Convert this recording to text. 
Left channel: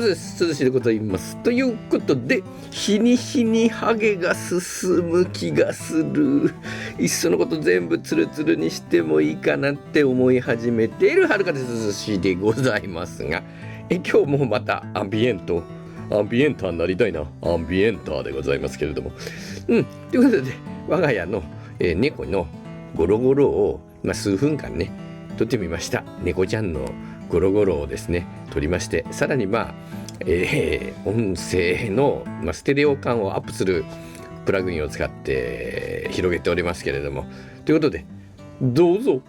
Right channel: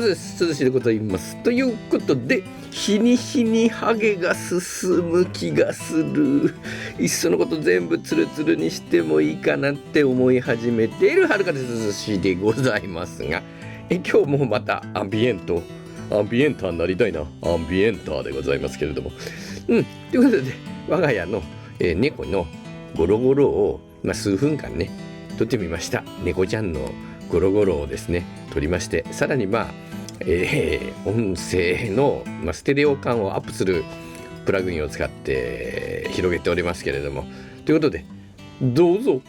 涼しいでございます。ということで、日に日にハゲが進む気がする。いっそのこと全部ツルツルにしてもいいかなって思い始めている春風涼しでございますが、今日もまたアンビエンターになりたいな。アンビエンターでございますけれども。ということで、我が家の、猫のゴロゴロを、数分間ね、撮ってみました。猫ちゃんのゴロゴロをですね、撮りまして、さらに音声の、ステレオ感をアップするプラグインを使って広げておりますけれども、ということで、どうぞ。